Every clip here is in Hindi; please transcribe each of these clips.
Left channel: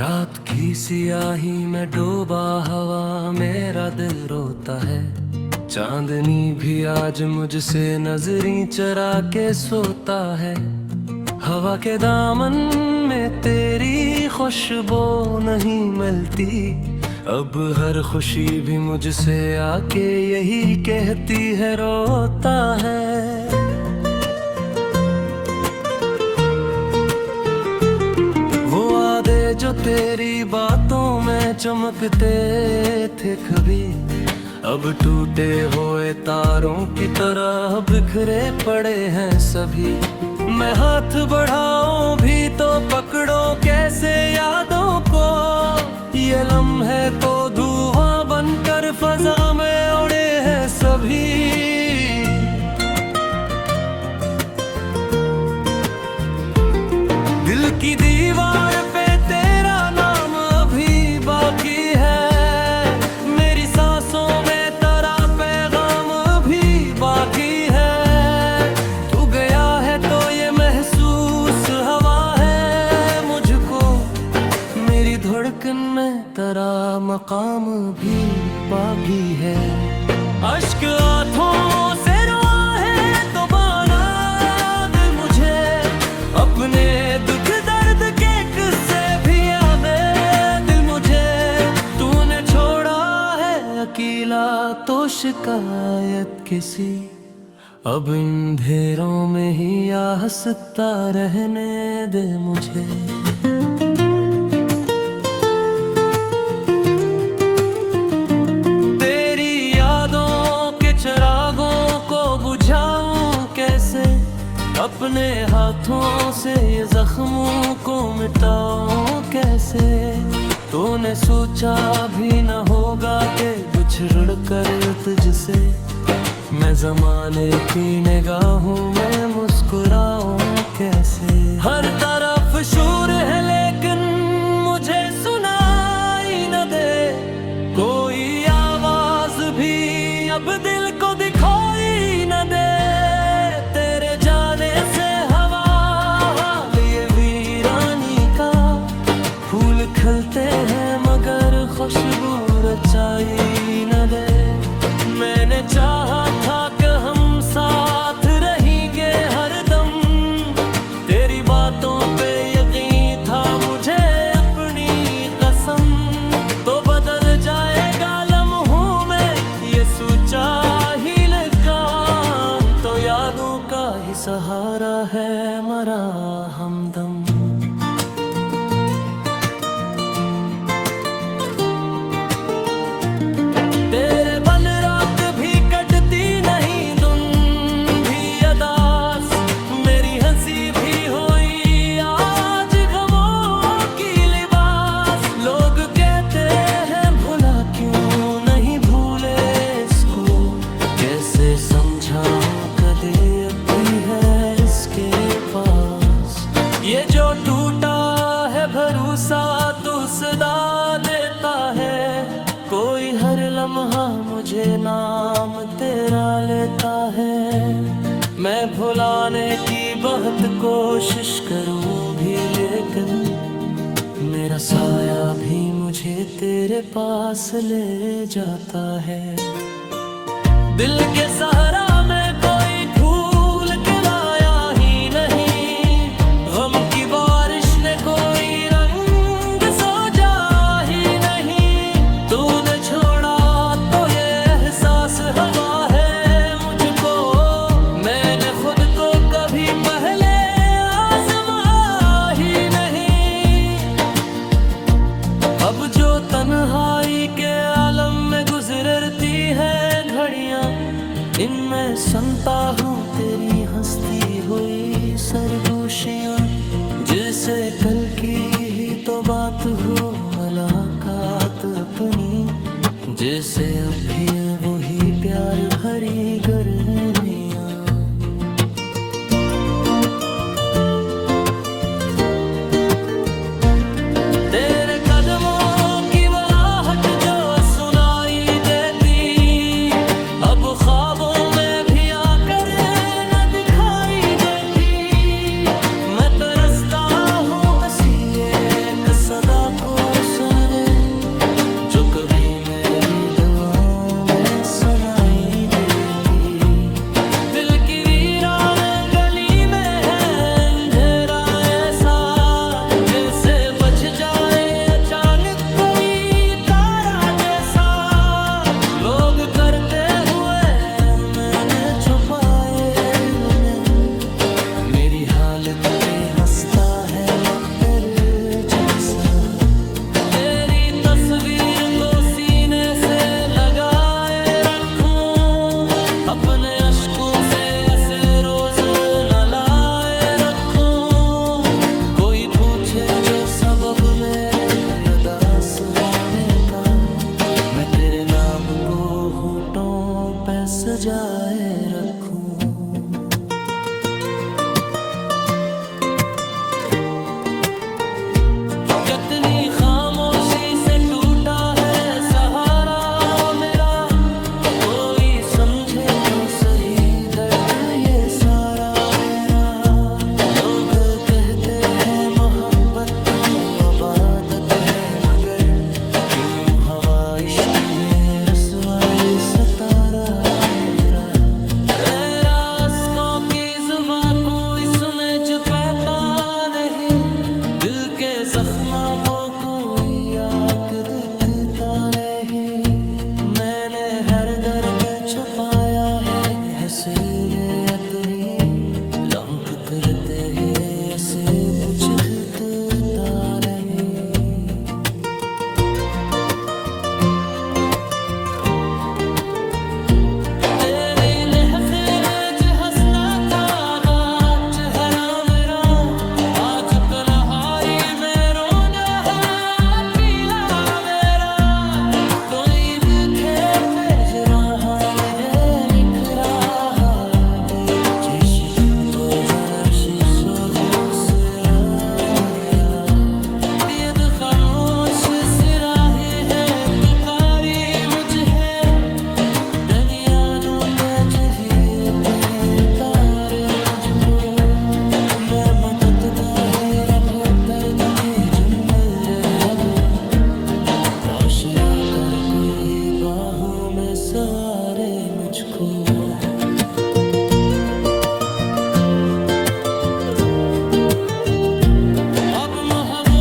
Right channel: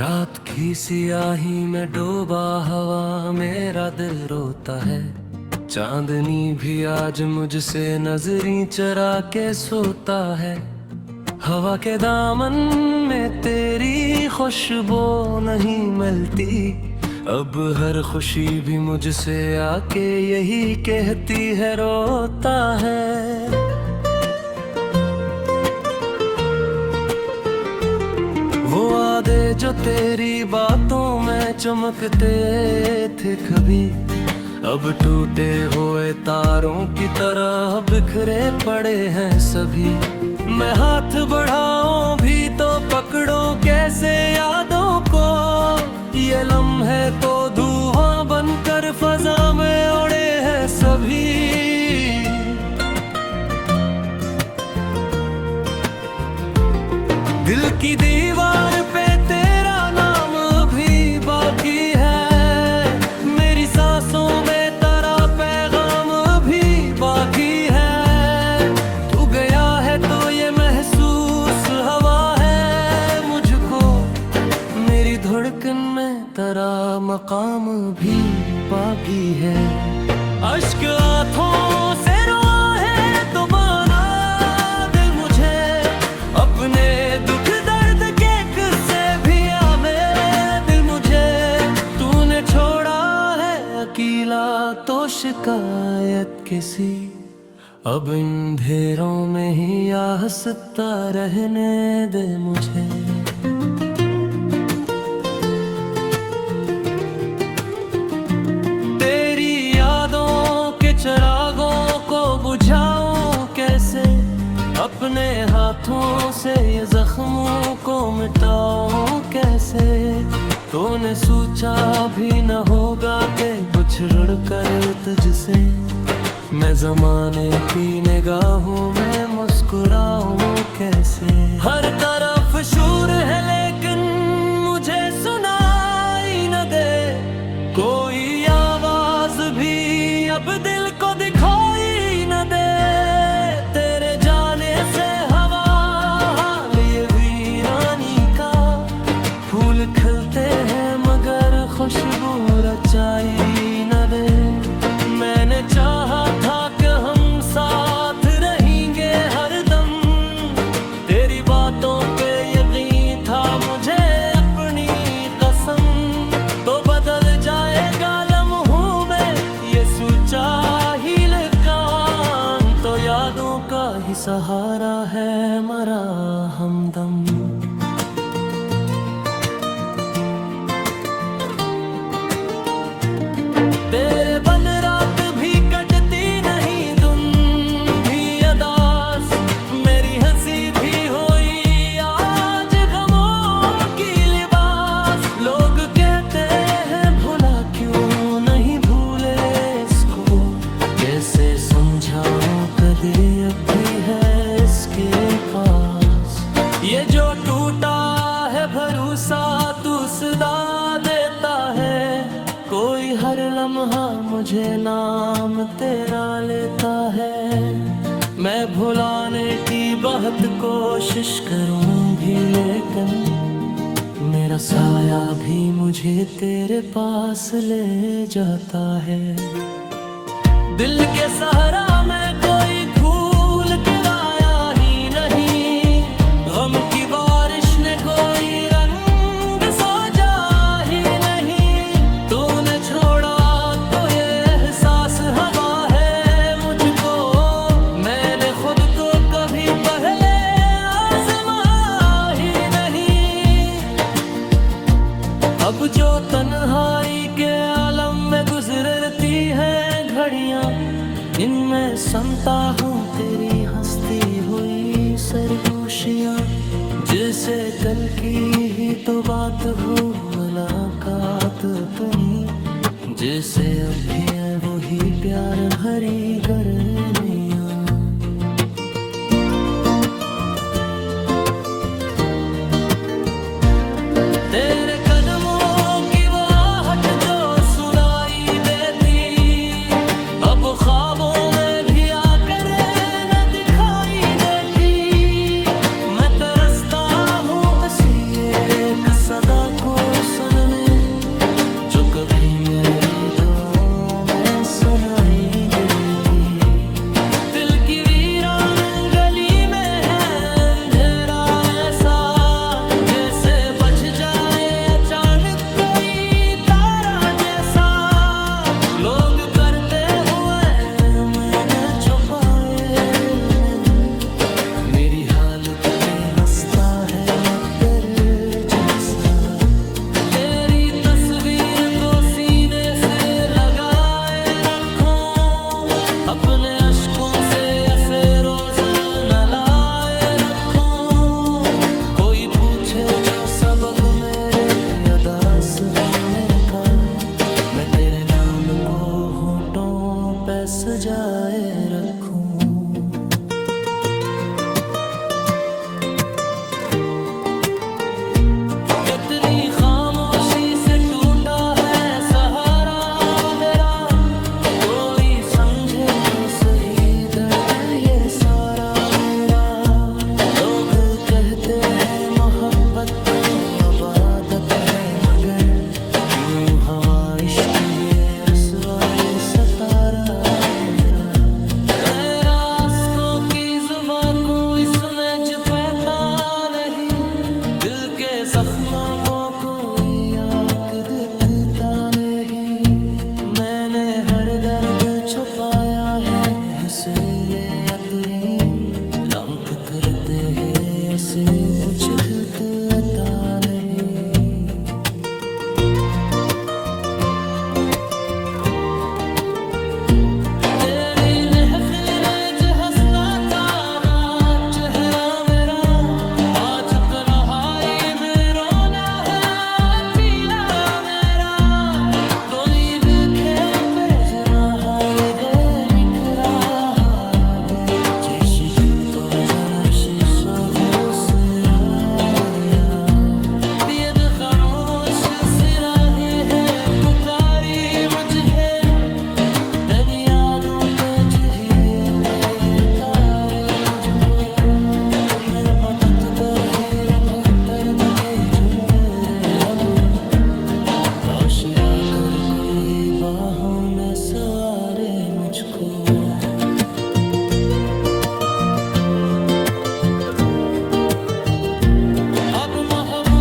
रात की सियाही में डूबा हवा मेरा दिल रोता है। चांदनी भी आज मुझसे नजरी चरा के सोता है। हवा के दामन में तेरी खुशबू नहीं मिलती। अब हर खुशी भी मुझसे आके यही कहती है रोता है। वो वादे जो तेरी बातों में चमकते थे कभी, अब टूटे हुए तारों की तरह बिखरे पड़े हैं सभी। मैं हाथ बढ़ाऊं भी तो पकड़ो कैसे यादों को। ये लम्हे तो धुआं बनकर फजा में उड़े हैं सभी। दिल की दीवार पे तेरा नाम अभी बाकी है। मेरी सांसों में तेरा पैगाम अभी बाकी है। तू गया है तो ये महसूस हवा है मुझको। मेरी धड़कन में तेरा मकाम भी बाकी है। अश्क आँखों से रोआ है तो बना दे मुझे अपने दुख दर्द के किस्से भी आवे दिल मुझे। तूने छोड़ा है अकेला तो शिकायत किसी। अब इन अंधेरों में ही हंसता रहने दे मुझे। तेरी यादों के चिरागों को बुझाऊं कैसे। अपने हाथों से ये जख्मों को मिटाऊं कैसे। तूने सोचा भी न होगा कि बिछड़ कर तुझसे मैं ज़माने की निगाहों में मुस्कुराऊं कैसे। हर तरफ शोर है लेकिन मुझे सुनाई न दे कोई आवाज भी। अब दिल को दिखाई न दे तेरे जाने से हवा हाल ये वीरानी का। फूल खिलते हैं मगर खुशबू रचाई न दे। मैंने चाहा था कि हम साथ रहेंगे हरदम। तेरी बातों पे यकीन था मुझे अपनी कसम। तो बदल जाएगा लम्हों में ये सोचा ही लकान। तो यादों का ही सहारा है मरा हमदम। तेरे बन रात भी कटती नहीं धुन भी अदास। मेरी हंसी भी हुई आज गमों की लिबास। लोग कहते हैं भुला क्यों नहीं भूले इसको। कैसे समझाऊं कभी अब भी है इसके पास। ये जो टूटा है भरोसा तू सदा देता है। कोई हर लम्हा मुझे नाम तेरा लेता है। मैं भुलाने की बहुत कोशिश करूं भी लेकिन मेरा साया भी मुझे तेरे पास ले जाता है। दिल के सहारा में कोई फूल के लाया ही नहीं। गम की बारिश ने कोई रंग सजा ही नहीं। तूने छोड़ा तो ये एहसास हवा है मुझको। मैंने खुद को कभी पहले आजमा ही नहीं। अब जो तन्हाई के आलम में गुजरती है घड़ियां, इनमें सुनता हूँ तेरी हंसती हुई सरगोशियां। जिसे कल की ही तो बात हो मुलाकात अपनी। जैसे अब भी है वही प्यार भरी गर्मियाँ। तेरे कदमों की वो आहट जो सुनाई देती। अब ख्वाबों में भी आकर न दिखाई देती। मैं तरसता हूँ ऐसी एक सदा को कभी मेरी दुआओं में सुनाई देती। दिल की वीरान गली में है अंधेरा ऐसा, जैसे बज जाए अचानक कोई तारा जैसा। लोग करते हुए मैंने छुपाए दिल में, मेरी हालत पे हंसता है मगर जैसा। तेरी तस्वीर को सीने से लगाए रखूं, अपने अश्कों से ऐसे रोज न लाए रखूं। कोई पूछे जो सबब मेरे अदास होने का, मैं तेरे नाम को होठों पे सजाए रखूं। कितनी खामोशी से टूटा है सहारा मेरा, कोई समझे तो सही दर्द ये सारा मेरा। लोग कहते हैं मोहब्बत तो अबादत है, मगर क्यों हवा इश्क में रसवाई सतारा मेरा। रास्तों की जुबां कोई समझ पाता नहीं, दिल के जख्मों को कोई आँख दिखता नहीं। मैंने हर दर्द छुपाया है सीने अपनी, लंक करते हैं ऐसे पूछता नहीं। तेरी महफिल जो हंसना था बात चेहरा मेरा, आज तन्हाई में रोना है पीला मेरा। तो ईद के पेज रहा मेरे निखरा दे, चिश्क बदन शीशा घुसरा मेरा। बेद खामोश सिराहे है पुकारी मुझे, यादों पे जरिए पे तारे मुझको। मैं मकता ही रहो दर्द के जो मेरे रबो, राशिया कर को है बाहों में सवारे मुझको। अब महबूब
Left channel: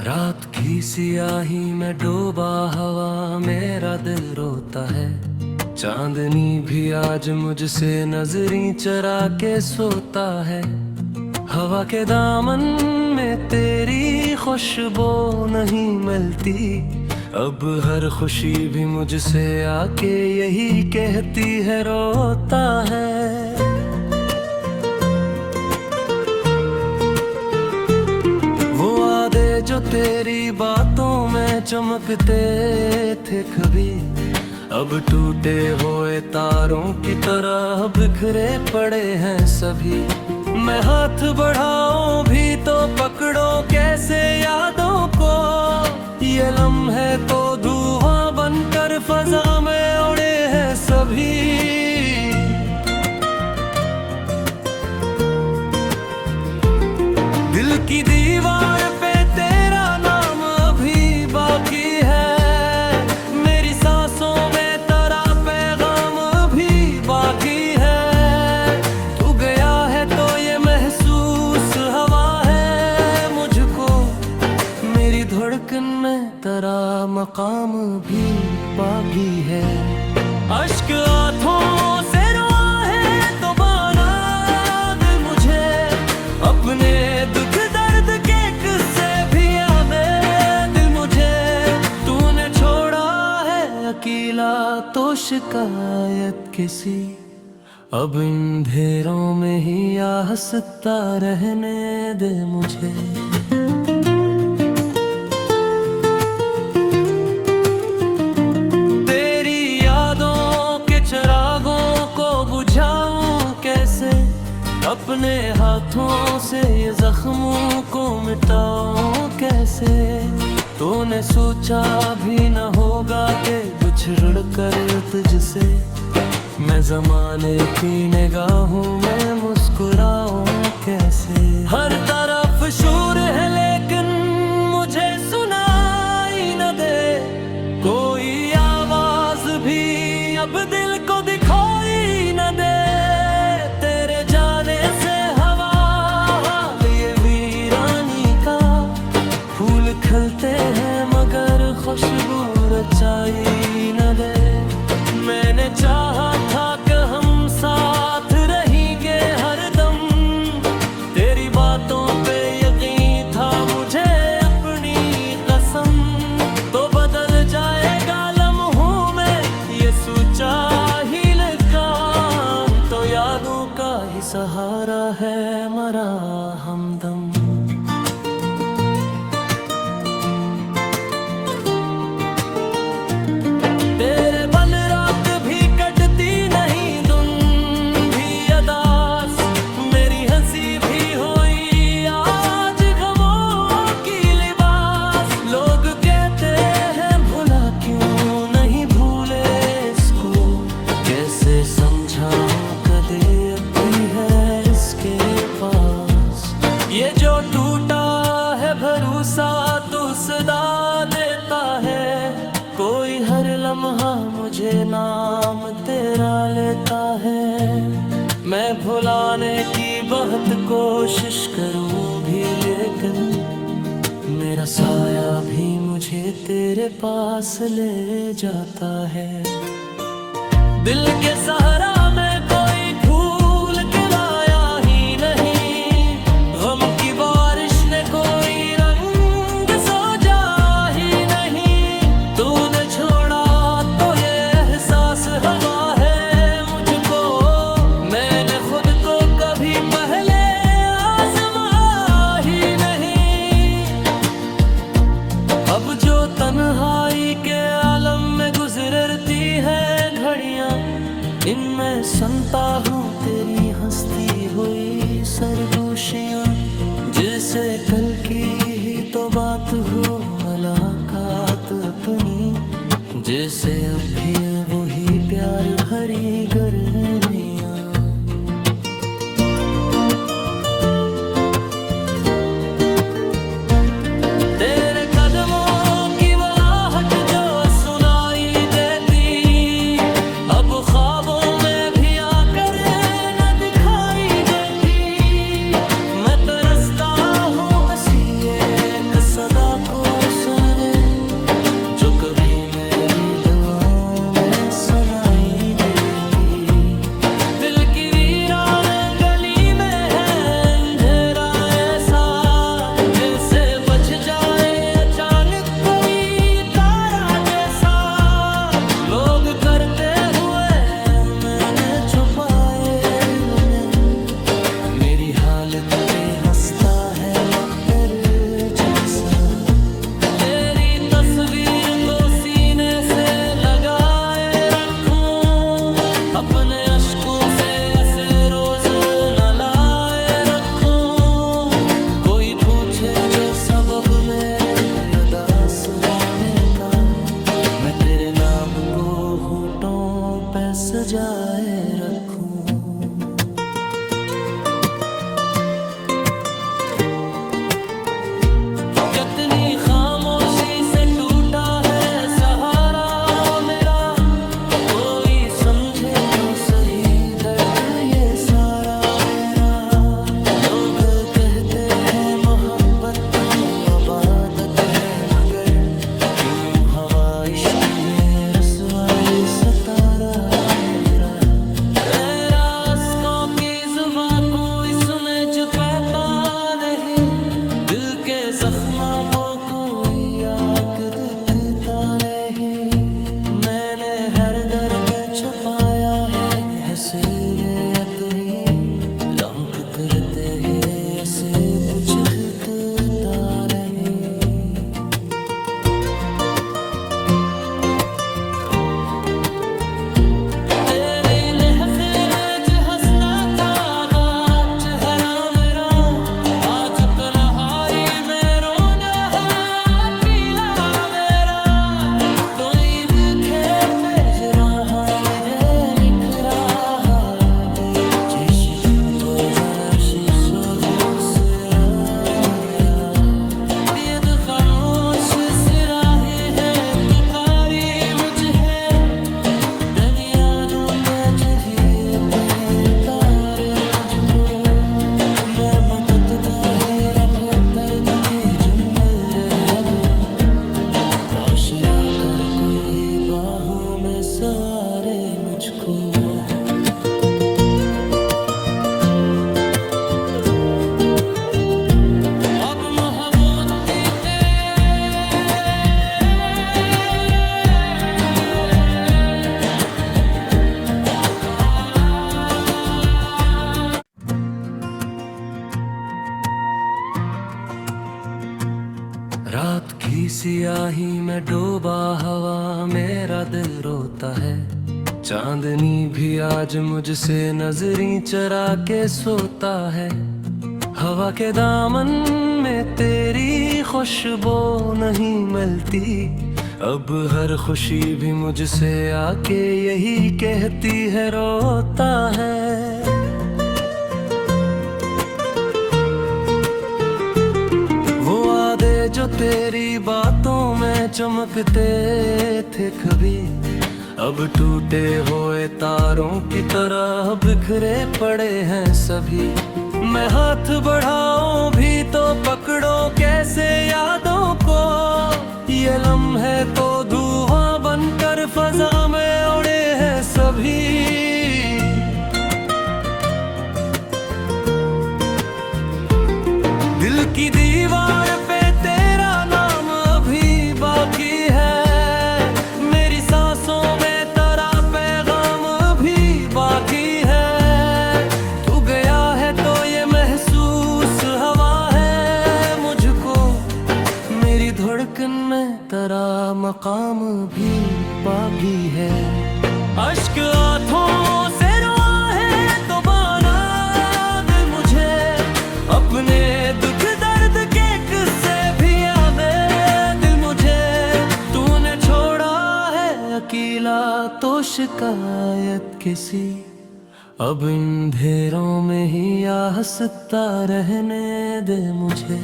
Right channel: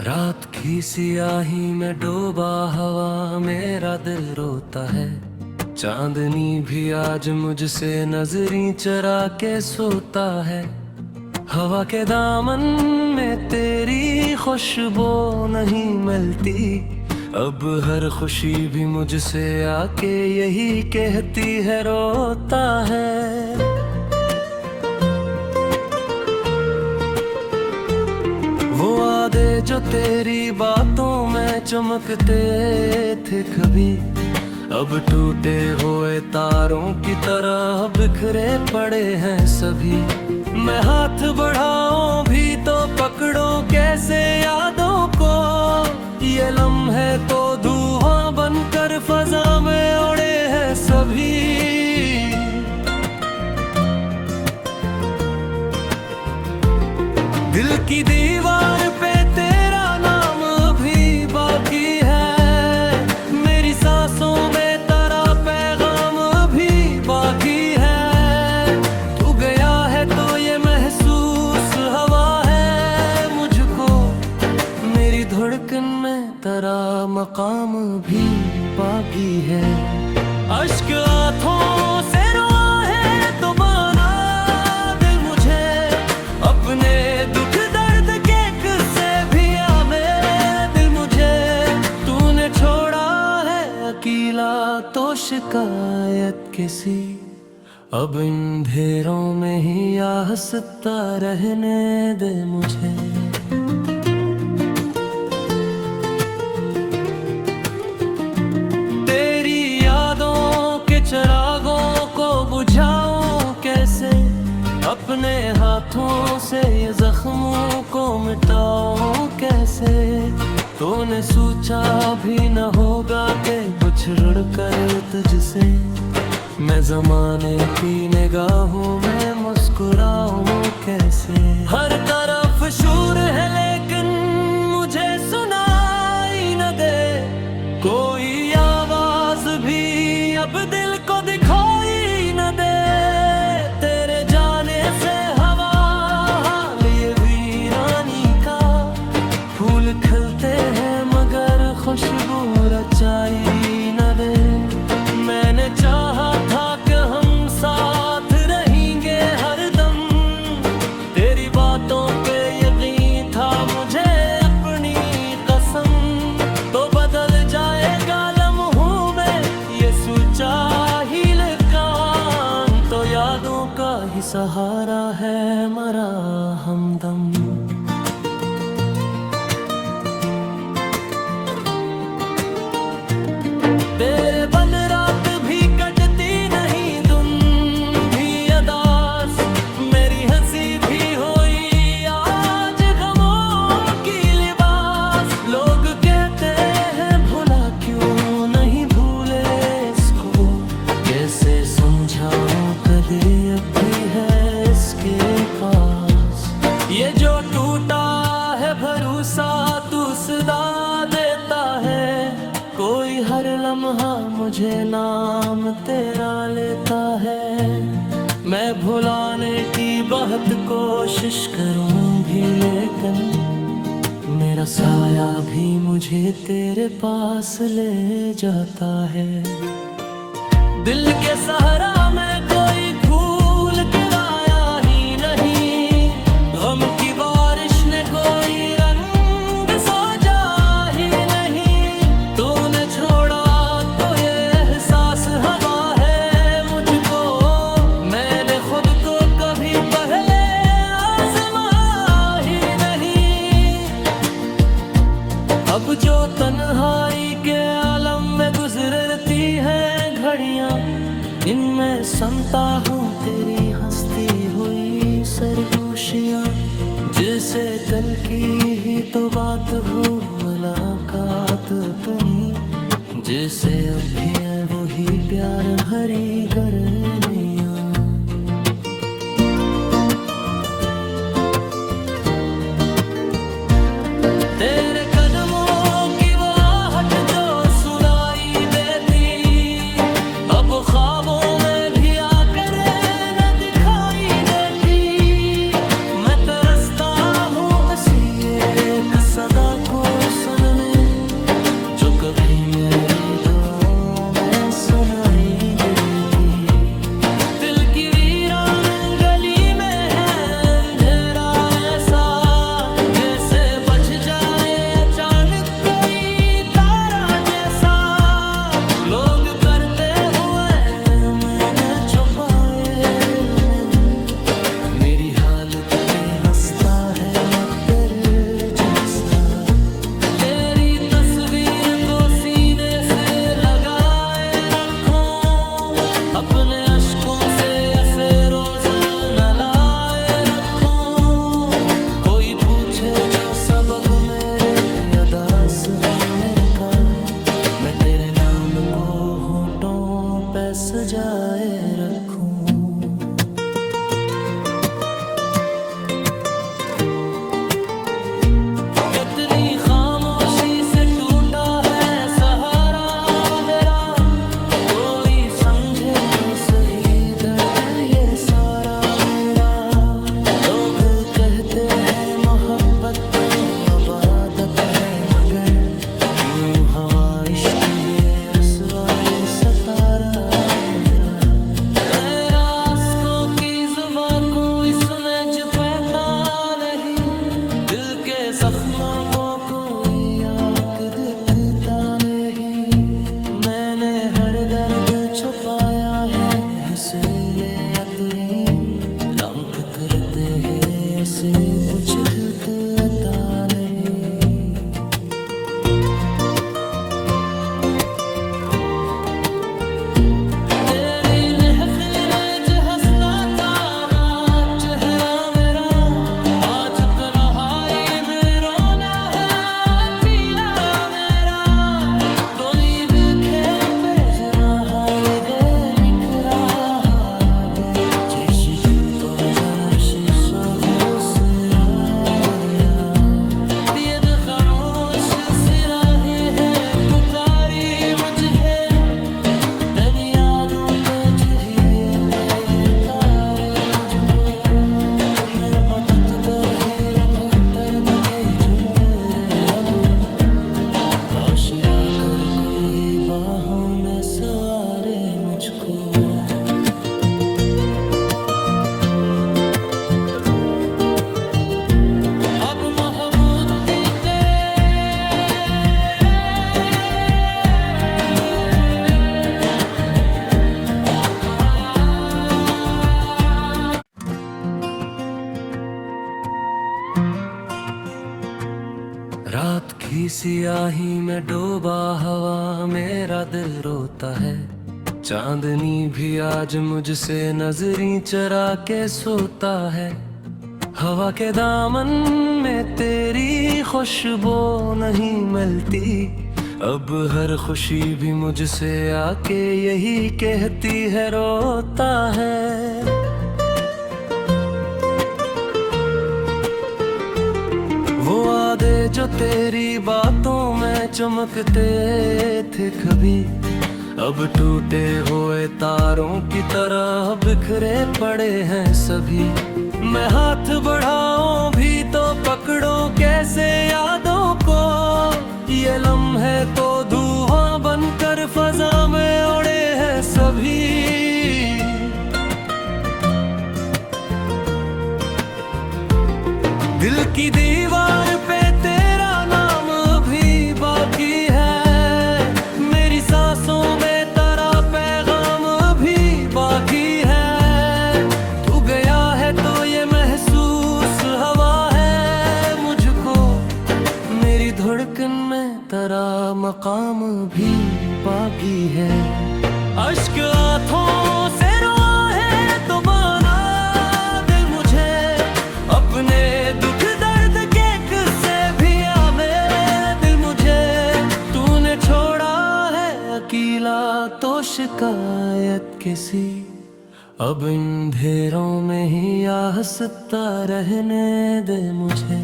रात की सियाही में डूबा हवा मेरा दिल रोता है। चांदनी भी आज मुझसे नजरी चरा के सोता है। हवा के दामन में तेरी खुशबू नहीं मिलती, अब हर खुशी भी मुझसे आके यही कहती है रोता है। वो वादे जो तेरी बातों में चमकते थे कभी, अब टूटे हुए तारों की तरह बिखरे पड़े हैं सभी। मैं हाथ बढ़ाऊं भी तो पकड़ो कैसे यादों को, ये लम्हे तो धुआं बनकर फजा में उड़े हैं सभी। दिल की दीवार पे तेरा नाम अभी बाकी है, मेरी सांसों में तेरा पैगाम अभी बाकी है। तू गया है तो ये महसूस हवा है मुझको, मेरी धड़कन में तेरा मकाम भी बाकी है। अश्क आँखों से रोआ है तो बना दिल मुझे, अपने दुख दर्द के किस्से भी आमे दिल मुझे। तूने छोड़ा है अकेला तो शिकायत किसी, अब इन अंधेरों में ही हंसता रहने दे मुझे। तेरी यादों के चिरागों को बुझाऊं कैसे, अपने हाथों से ये जख्मों को मिटाऊं कैसे। तूने सोचा भी न होगा कि बिछड़ कर तुझसे मैं ज़माने की निगाहों में मुस्कुराऊं कैसे। हर तरफ शोर है लेकिन मुझे सुनाई न दे कोई आवाज भी, अब दिल को दिखाई न दे। तेरे जाने से हवा हाल ये वीरानी का, फूल खिलते हैं मगर खुशबू रचाई न दे। मैंने चाहा था कि हम साथ रहेंगे हरदम, तेरी बातों पे यकीन था मुझे अपनी कसम। तो बदल जाएगा लम्हों में ये सोचा ही लिखा, तो यादों का ही सहारा है मरा हमदम। तेरे बन रात भी कटती नहीं, तुम भी अदास, मेरी हंसी भी हुई आज गमों की लिबास। लोग कहते हैं भुला क्यों नहीं भूले इसको, कैसे समझाऊं कभी अब भी है इसके पास। ये जो टूटा है भरोसा तू सदा देता है, कोई हर लम्हा मुझे नाम तेरा लेता है। मैं भुलाने की बहुत कोशिश करूं भी लेकिन मेरा साया भी मुझे तेरे पास ले जाता है। दिल के सहारा में कोई फूल के लाया ही नहीं, गम की बारिश ने कोई रंग सोजा ही नहीं। तूने छोड़ा तो ये एहसास हवा है मुझको, मैंने खुद को कभी पहले आजमा ही नहीं। अब जो तन्हाई के आलम में गुजरती है घड़ियां, इनमें सुनता हूँ तेरी हंसती हुई सरगोशियां। जिसे कल की ही तो बात हो मुलाकात अपनी, जैसे अब भी है वही प्यार भरी गर्मियाँ। तेरे कदमों की वो आहट जो सुनाई देती, अब ख्वाबों में भी आकर न दिखाई देती। मैं तरसता हूँ ऐसी एक सदा को सुनने, जो कभी मेरी दुआओं में सुनाई देती। दिल की वीरान गली में है अंधेरा ऐसा, जैसे बच जाए अचानक कोई तारा जैसा। लोग करते हुए मैंने छुपाए दिल में, मेरी हालत पे हंसता है मगर जैसा। तेरी तस्वीर को सीने से लगाए रखूं, अपने अश्कों से ऐसे रोज न लाए रखूं। कोई पूछे जो सबब मेरे अदास होने का, मैं तेरे नाम को होठों पे सजाए रखूं। कितनी खामोशी से टूटा है सहारा मेरा, कोई समझे तो सही दर्द ये सारा मेरा। लोग कहते हैं मोहब्बत तो अबादत है, मगर क्यों हवा इश्क में रसवाई सतारा मेरा। रास्तों की जुबां कोई समझ पाता नहीं, दिल के जख्मों को कोई आँख दिखता नहीं। मैंने हर दर्द छुपाया है हसीले अपनी, लंक करते हैं ऐसे कुछ अता नहीं। तेरी महफिल जो हंसना था चेहरा मेरा, आज तन्हाई में रोना है पीला रोजाना शीशा हो सिरा मेरा, ये तो खामोश सिराहे है पुकारी मुझे, तेरी यादों पे चाहिए पे तारे मुझको, मैं मकतदा ही रखो दर्द के जुम मेरे रबो, आशिया कर कोहे बाहों में सवारे मुझको। अब महमूद रात की सियाही में डूबा हवा मेरा दिल रोता है, चांदनी भी आज मुझसे नजरें चरा के सोता है, हवा के दामन में तेरी खुशबू नहीं मिलती, अब हर खुशी भी मुझसे आके यही कहती है रोता है। वो वादे जो तेरी बातों में चमकते थे कभी, अब टूटे हुए तारों की तरह बिखरे पड़े हैं सभी, मैं हाथ बढ़ाऊं भी तो पकड़ो कैसे यादों को, ये लम्हे तो धुआं बनकर फजा में उड़े हैं सभी। दिल की दीवार पे तेरा नाम अभी बाकी है, मेरी सांसों में तेरा पैगाम अभी बाकी है, तू गया है तो ये महसूस हवा है मुझको, मेरी धड़कन में तेरा मकाम भी बाकी है। अश्क आँखों से रोआ है तो बना दिल मुझे, अपने दुख दर्द के किस्से भी आवे दिल मुझे, तूने छोड़ा है अकेला तो शिकायत किसी, अब इन अंधेरों में ही हंसता रहने दे मुझे।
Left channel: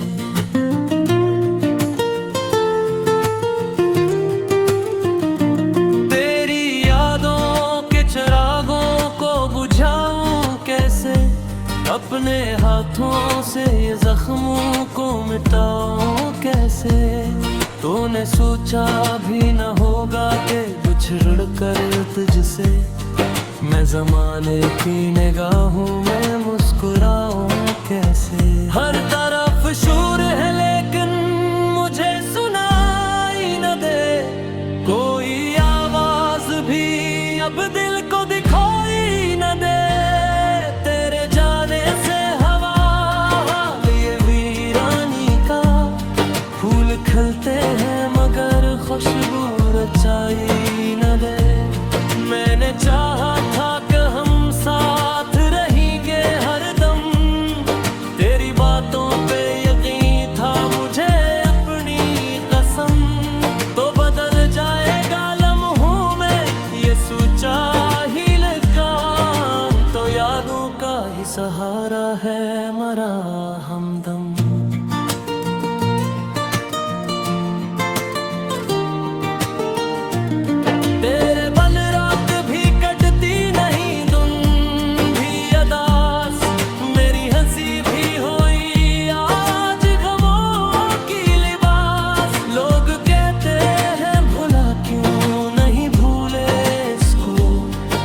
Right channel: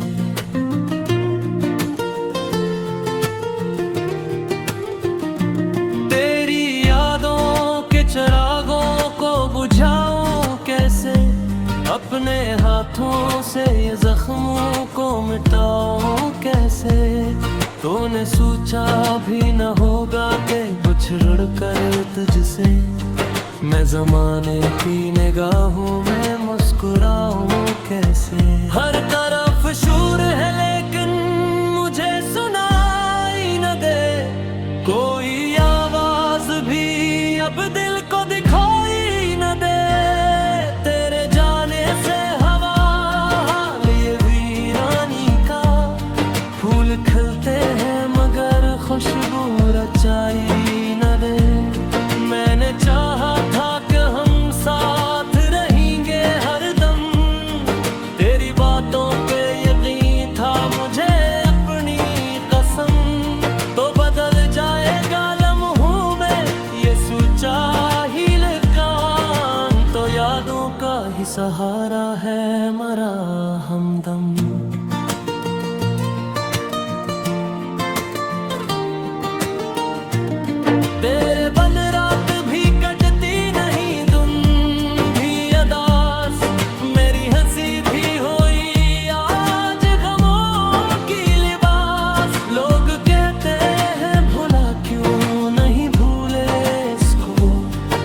तेरी यादों के चिरागों को बुझाऊं कैसे, अपने हाथों से ये जख्मों को मिटाऊं कैसे, तूने सोचा भी न होगा कि बिछड़ कर तुझसे, मैं जमाने की निगाहों में मुस्कुराऊं कैसे। हर तरफ शोर है लेकिन मुझे सुनाई न दे, कोई आवाज भी अब दिल को दिखाई न दे, तेरे जाने से हवा हाल ये वीरानी का, फूल खिलते हैं मगर खुशबू रचाई न दे, मैंने चाहा था कि हम साथ रहेंगे हरदम, तेरी बातों पे यकीन था मुझे अपनी कसम, तो बदल जाएगा लम्हों में ये सोचा ही लकान, तो यादों का ही सहारा है मरा हमदम। तेरे बन रात भी कटती नहीं, तुम भी अदास, मेरी हंसी भी हुई आज गमों की लिबास, लोग कहते हैं भुला क्यों नहीं भूले इसको,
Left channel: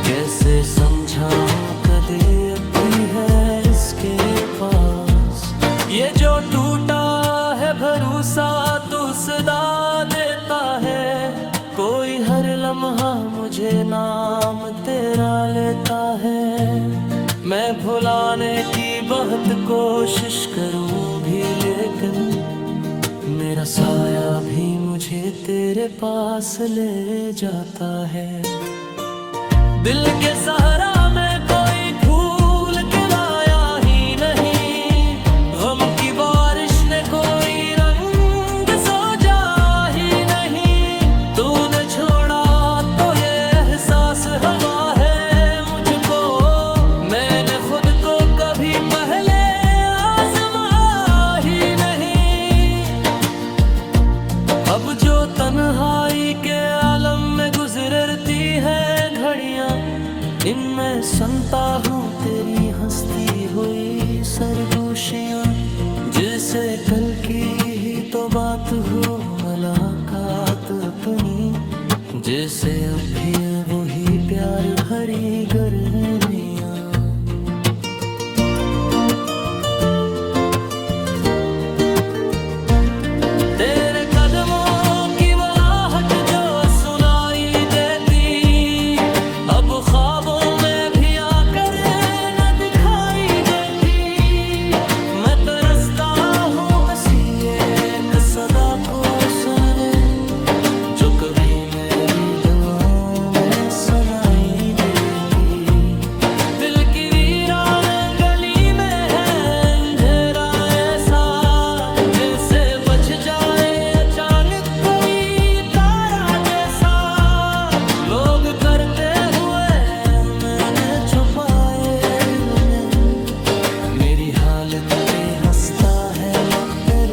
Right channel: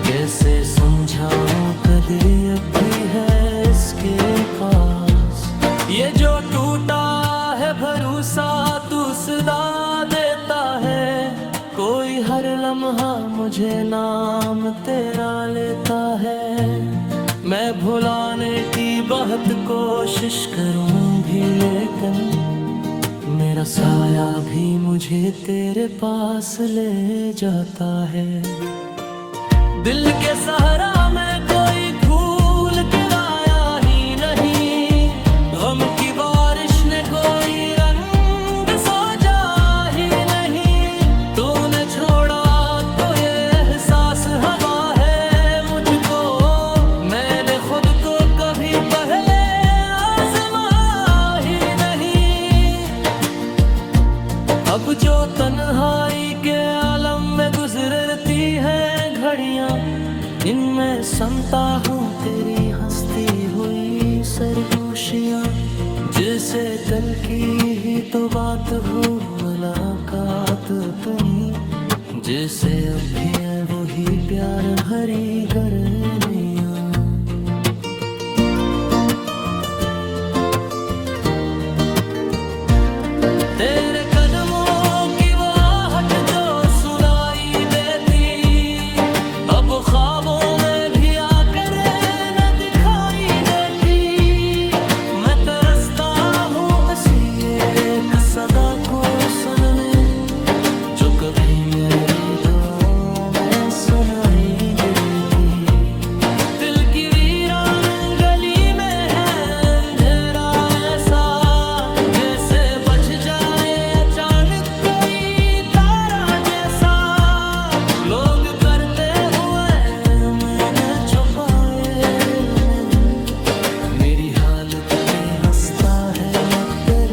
कैसे समझाऊं कभी अब भी है इसके पास, ये जो टूटा है भरोसा तू सदा देता है, कोई हर लम्हा मुझे नाम तेरा लेता है, मैं भुलाने की बहुत कोशिश करूं भी लेकिन मेरा साया भी मुझे तेरे पास ले जाता है, दिल के सहारा में कोई फूल के लाया ही नहीं, गम की बारिश ने कोई रंग सजा ही नहीं, तूने छोड़ा तो ये एहसास हवा है मुझको, मैंने खुद को कभी पहले आजमा ही नहीं। अब जो तन्हाई के आलम में गुजरती है घड़ियां, इनमें सुनता हूँ तेरी हंसती हुई सरगोशियां। जैसे कल की ही तो बात हो मुलाकात अपनी, जैसे अब भी है वही प्यार भरी गर्मियां। तेरे कदमों की वो आहट जो सुनाई देती, अब ख्वाबों में भी आकर न दिखाई देती। मैं तरसता हूँ ऐसी एक सदा को सुनने, जो कभी मेरी दुआओं में सुनाई देती। दिल की वीरान गली में है अंधेरा ऐसा, जैसे बज जाए अचानक कोई तारा जैसा। लोग करते हुए मैंने छुपाए दिल में, मेरी हालत पे हंसता है मकर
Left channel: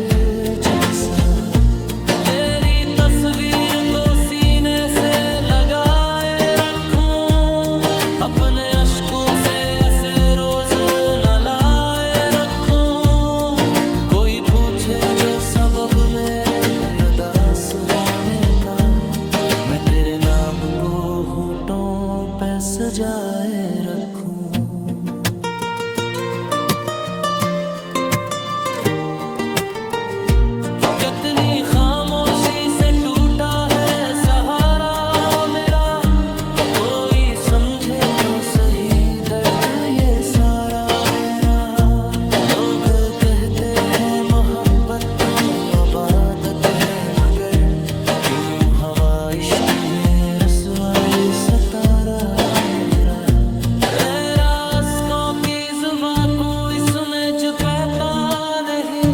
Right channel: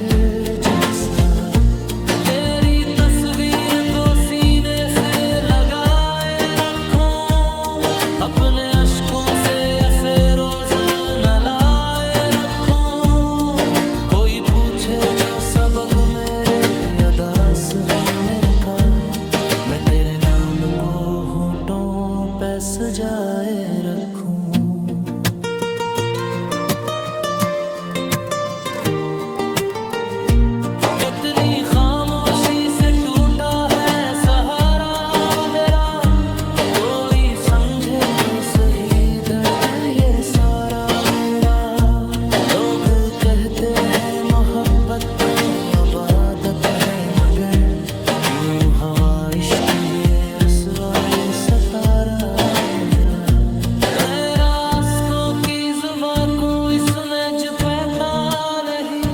जैसा। तेरी तस्वीर को सीने से लगाए रखूं, अपने अश्कों से ऐसे रोज नलाए रखूं। कोई पूछे जो सबब मेरे अदास होने का, मैं तेरे नाम को होठों पे सजाए रखूं। कितनी खामोशी से टूटा है सहारा मेरा, कोई समझे तो सही दर्द ये सारा मेरा। लोग कहते हैं मोहब्बत तो अबादत है, मगर क्यों हवा इश्क में रसवाई सतारा मेरा। रास्तों की जुबां कोई समझ पाता नहीं,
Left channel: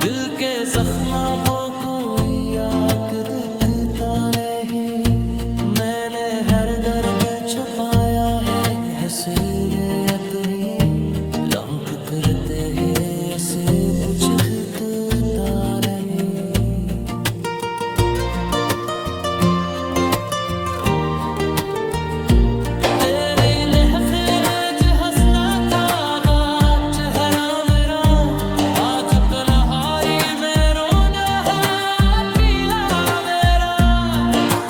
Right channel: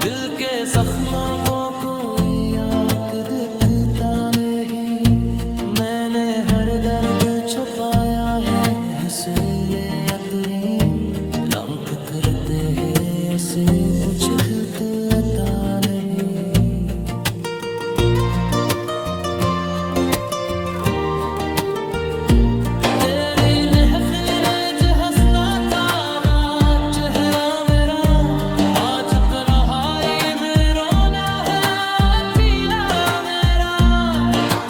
दिल के जख्मों को कोई आंख दिखता नहीं। मैंने हर दर्द छुपाया है हसीले अपनी, लंक करते हैं ऐसे कुछ खतरा नहीं। तेरी महफिल जो हंसना था बात चेहरा मेरा, आज तन्हाई में रोना है पीला मेरा।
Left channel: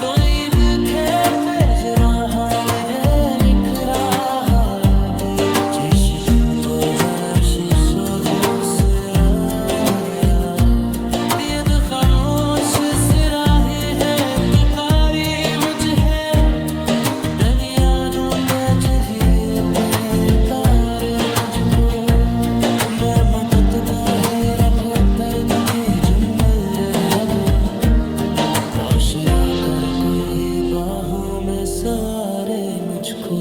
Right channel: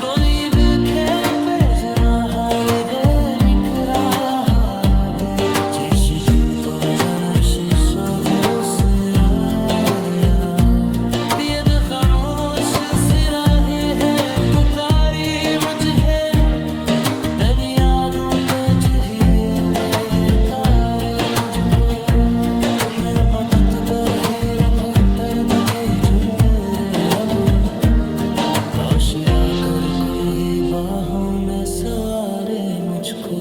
तो ईद खे पेजरा हाल है बिखरा दे, जैसे तू तो जन्म शीशा हो सिरा मेरा। बेद खामोश सिराहे है पुकारी मुझे, यादों पे चाहिए पे तारे मुझको। मैं मत ही रखो दर्द के जो मेरे रबो, राशिया कर को है बाहों में सवारे मुझको।